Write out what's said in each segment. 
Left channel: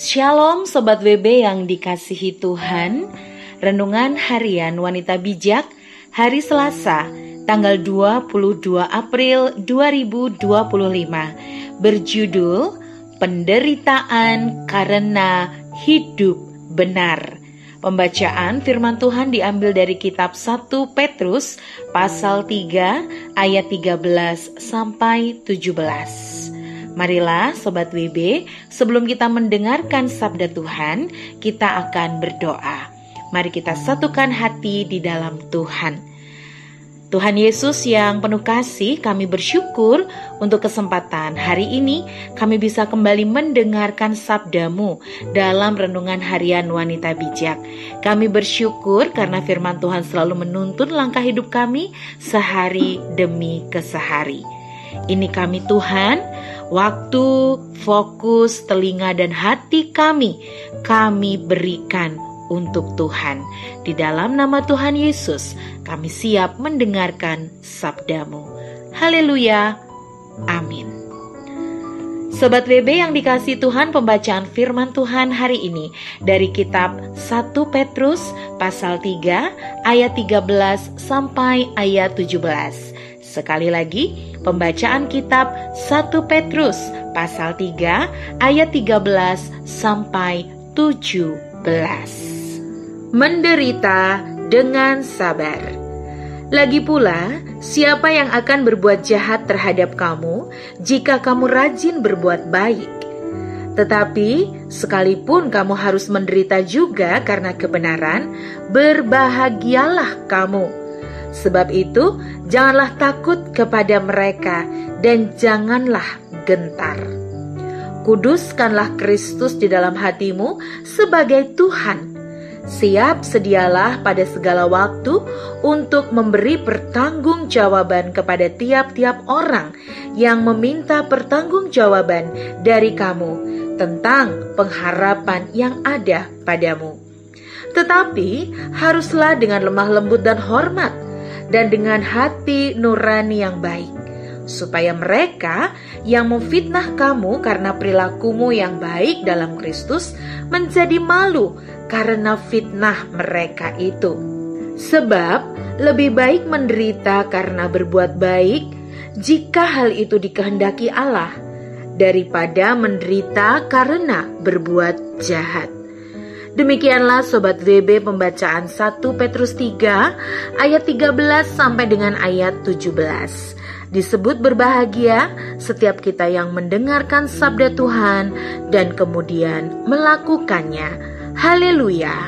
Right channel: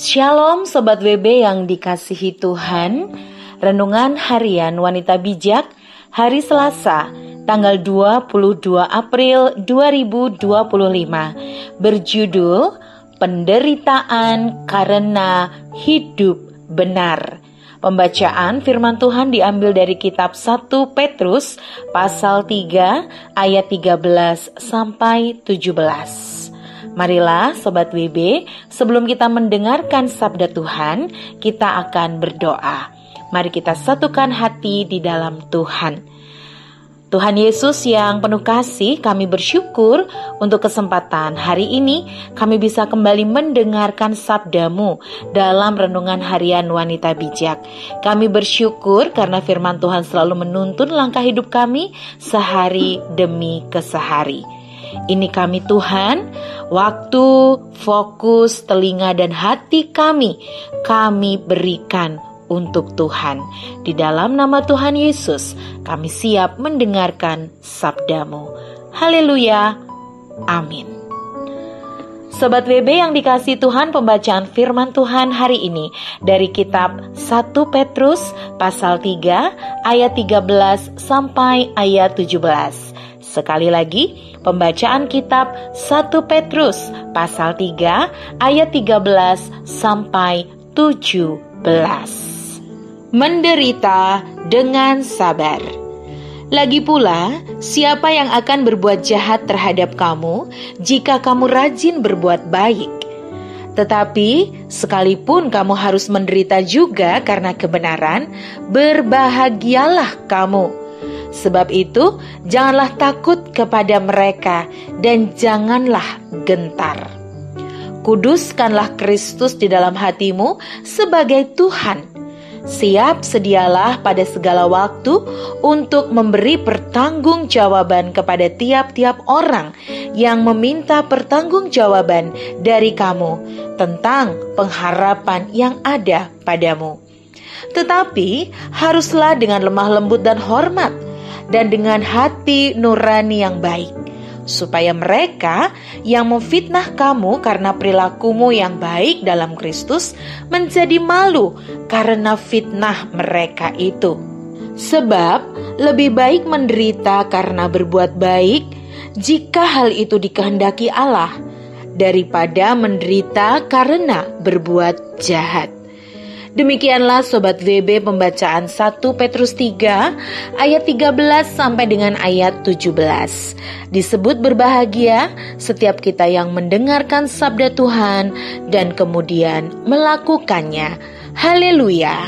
Shalom Sobat WB yang dikasihi Tuhan. Renungan Harian Wanita Bijak hari Selasa tanggal 22 April 2025 berjudul Penderitaan Karena Hidup Benar. Pembacaan firman Tuhan diambil dari kitab 1 Petrus pasal 3 ayat 13 sampai 17. Marilah Sobat WB, sebelum kita mendengarkan sabda Tuhan, kita akan berdoa. Mari kita satukan hati di dalam Tuhan. Tuhan Yesus yang penuh kasih, kami bersyukur untuk kesempatan hari ini kami bisa kembali mendengarkan sabda-Mu dalam Renungan Harian Wanita Bijak. Kami bersyukur karena firman Tuhan selalu menuntun langkah hidup kami sehari demi kesehari. Ini kami Tuhan, waktu, fokus, telinga dan hati kami berikan untuk Tuhan. Di dalam nama Tuhan Yesus, kami siap mendengarkan sabda-Mu. Haleluya, amin. Sobat WB yang dikasihi Tuhan, pembacaan firman Tuhan hari ini dari kitab 1 Petrus pasal 3 ayat 13 sampai ayat 17. Sekali lagi, pembacaan kitab 1 Petrus pasal 3 ayat 13 sampai 17. Menderita dengan sabar. Lagi pula, siapa yang akan berbuat jahat terhadap kamu jika kamu rajin berbuat baik? Tetapi sekalipun kamu harus menderita juga karena kebenaran, berbahagialah kamu. Sebab itu, janganlah takut kepada mereka dan janganlah gentar. Kuduskanlah Kristus di dalam hatimu sebagai Tuhan. Siap sedialah pada segala waktu untuk memberi pertanggungjawaban kepada tiap-tiap orang yang meminta pertanggungjawaban dari kamu tentang pengharapan yang ada padamu. Tetapi haruslah dengan lemah lembut dan hormat, dan dengan hati nurani yang baik, supaya mereka yang memfitnah kamu karena perilakumu yang baik dalam Kristus menjadi malu karena fitnah mereka itu. Sebab lebih baik menderita karena berbuat baik, jika hal itu dikehendaki Allah, daripada menderita karena berbuat jahat. Demikianlah Sobat WB pembacaan 1 Petrus 3 ayat 13 sampai dengan ayat 17. Disebut berbahagia setiap kita yang mendengarkan sabda Tuhan dan kemudian melakukannya. Haleluya.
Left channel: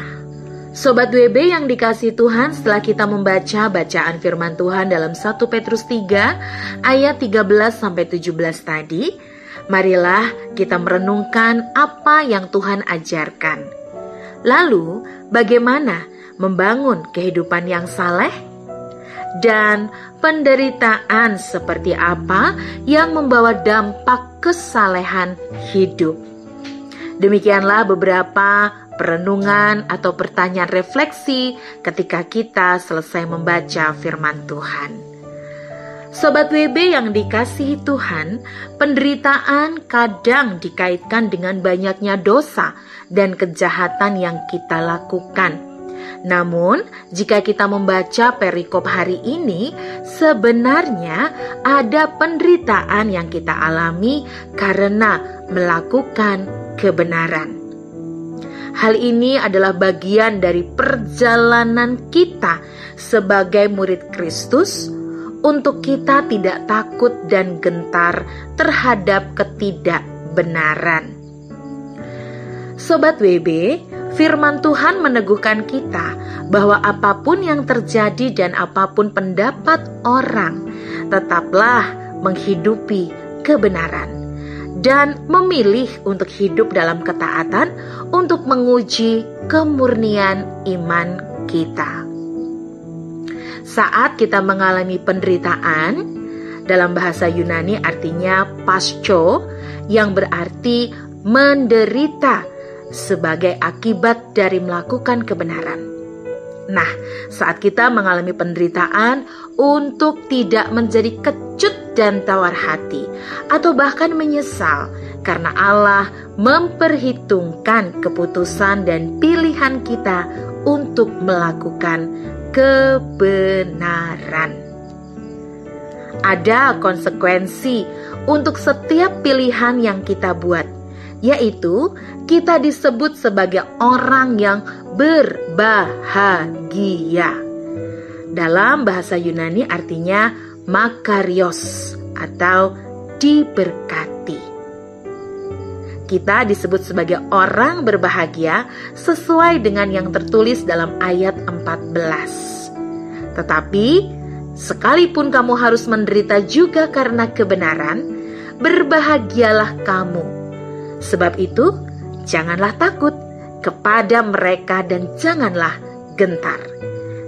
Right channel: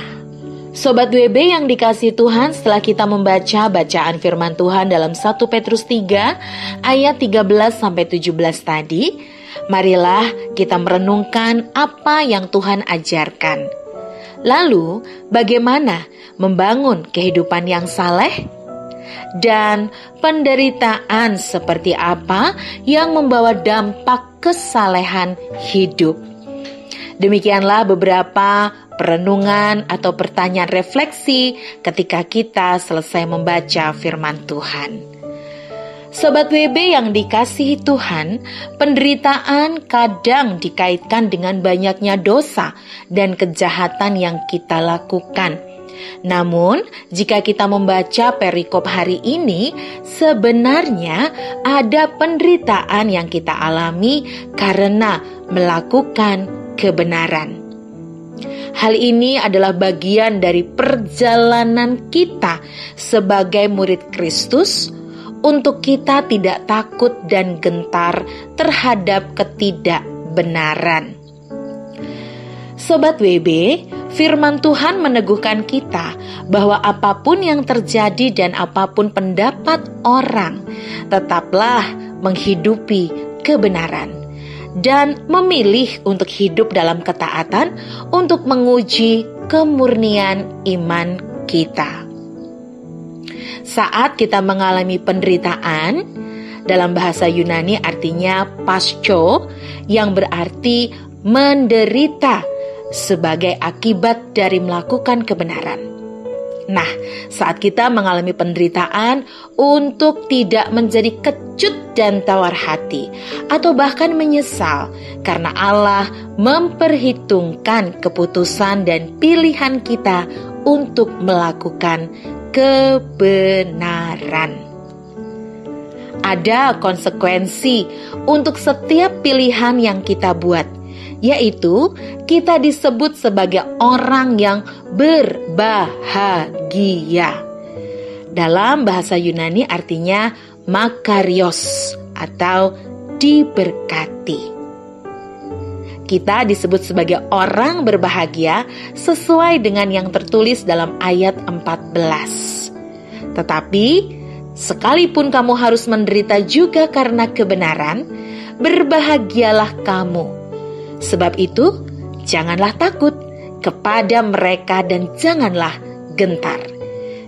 Sobat WB yang dikasihi Tuhan, setelah kita membaca bacaan firman Tuhan dalam 1 Petrus 3 ayat 13 sampai 17 tadi, marilah kita merenungkan apa yang Tuhan ajarkan. Lalu, bagaimana membangun kehidupan yang saleh? Dan penderitaan seperti apa yang membawa dampak kesalehan hidup? Demikianlah beberapa perenungan atau pertanyaan refleksi ketika kita selesai membaca firman Tuhan. Sobat WB yang dikasihi Tuhan, penderitaan kadang dikaitkan dengan banyaknya dosa dan kejahatan yang kita lakukan. Namun, jika kita membaca perikop hari ini, sebenarnya ada penderitaan yang kita alami karena melakukan kebenaran. Hal ini adalah bagian dari perjalanan kita sebagai murid Kristus, untuk kita tidak takut dan gentar terhadap ketidakbenaran. Sobat WB, firman Tuhan meneguhkan kita bahwa apapun yang terjadi dan apapun pendapat orang, tetaplah menghidupi kebenaran dan memilih untuk hidup dalam ketaatan untuk menguji kemurnian iman kita. Saat kita mengalami penderitaan, dalam bahasa Yunani artinya pascho, yang berarti menderita sebagai akibat dari melakukan kebenaran. Nah, saat kita mengalami penderitaan, untuk tidak menjadi kecut dan tawar hati, atau bahkan menyesal, karena Allah memperhitungkan keputusan dan pilihan kita untuk melakukan kebenaran. Ada konsekuensi untuk setiap pilihan yang kita buat, yaitu kita disebut sebagai orang yang berbahagia. Dalam bahasa Yunani artinya makarios atau diberkati. Kita disebut sebagai orang berbahagia sesuai dengan yang tertulis dalam ayat 14. Tetapi sekalipun kamu harus menderita juga karena kebenaran, berbahagialah kamu. Sebab itu, janganlah takut kepada mereka dan janganlah gentar.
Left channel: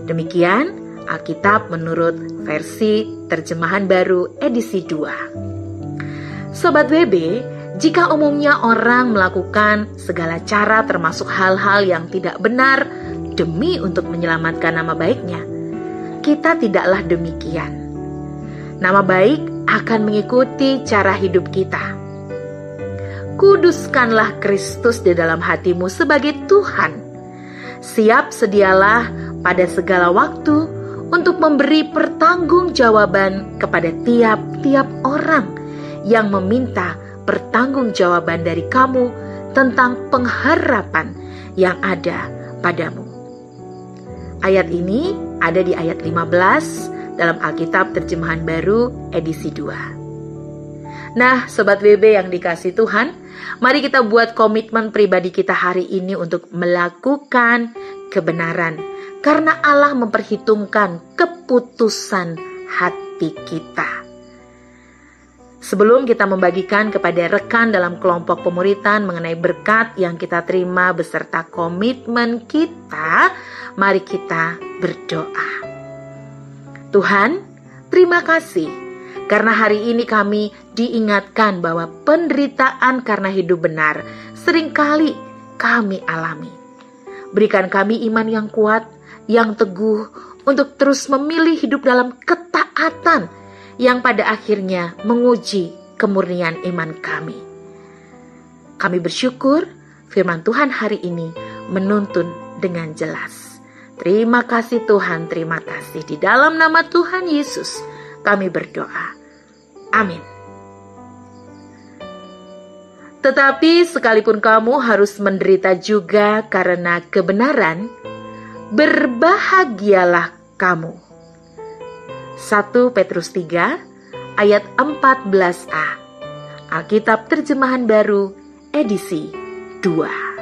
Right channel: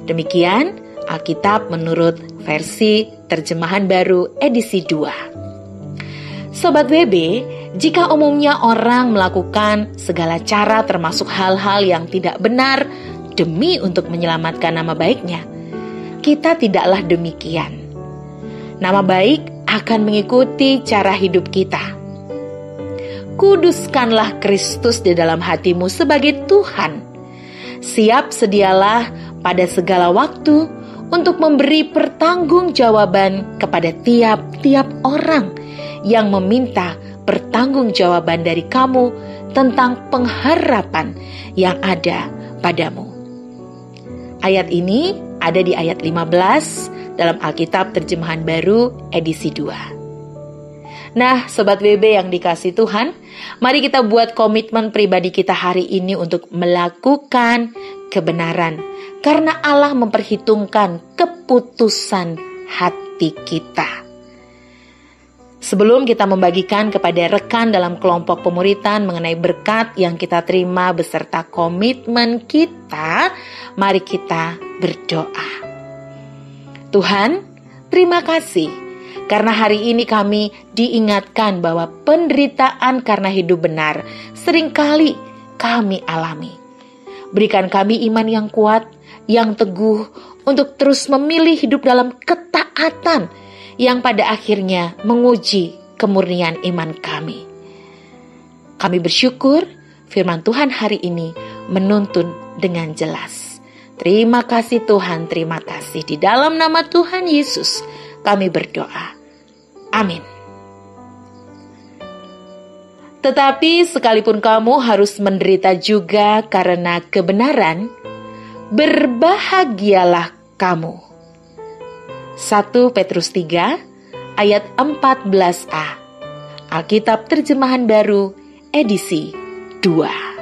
Demikian Alkitab menurut versi Terjemahan Baru edisi 2. Sobat WB, jika umumnya orang melakukan segala cara termasuk hal-hal yang tidak benar demi untuk menyelamatkan nama baiknya, kita tidaklah demikian. Nama baik akan mengikuti cara hidup kita. Kuduskanlah Kristus di dalam hatimu sebagai Tuhan. Siap sedialah pada segala waktu untuk memberi pertanggungjawaban kepada tiap-tiap orang yang meminta pertanggungjawaban dari kamu tentang pengharapan yang ada padamu. Ayat ini ada di ayat 15 dalam Alkitab Terjemahan Baru edisi 2. Nah, Sobat WB yang dikasihi Tuhan, mari kita buat komitmen pribadi kita hari ini untuk melakukan kebenaran, karena Allah memperhitungkan keputusan hati kita. Sebelum kita membagikan kepada rekan dalam kelompok pemuritan mengenai berkat yang kita terima beserta komitmen kita, mari kita berdoa. Tuhan, terima kasih karena hari ini kami diingatkan bahwa penderitaan karena hidup benar seringkali kami alami. Berikan kami iman yang kuat, yang teguh untuk terus memilih hidup dalam ketaatan yang pada akhirnya menguji kemurnian iman kami. Kami bersyukur firman Tuhan hari ini menuntun dengan jelas. Terima kasih Tuhan, terima kasih. Di dalam nama Tuhan Yesus kami berdoa. Amin. Tetapi sekalipun kamu harus menderita juga karena kebenaran, berbahagialah kamu. 1 Petrus 3 ayat 14a. Alkitab Terjemahan Baru edisi 2.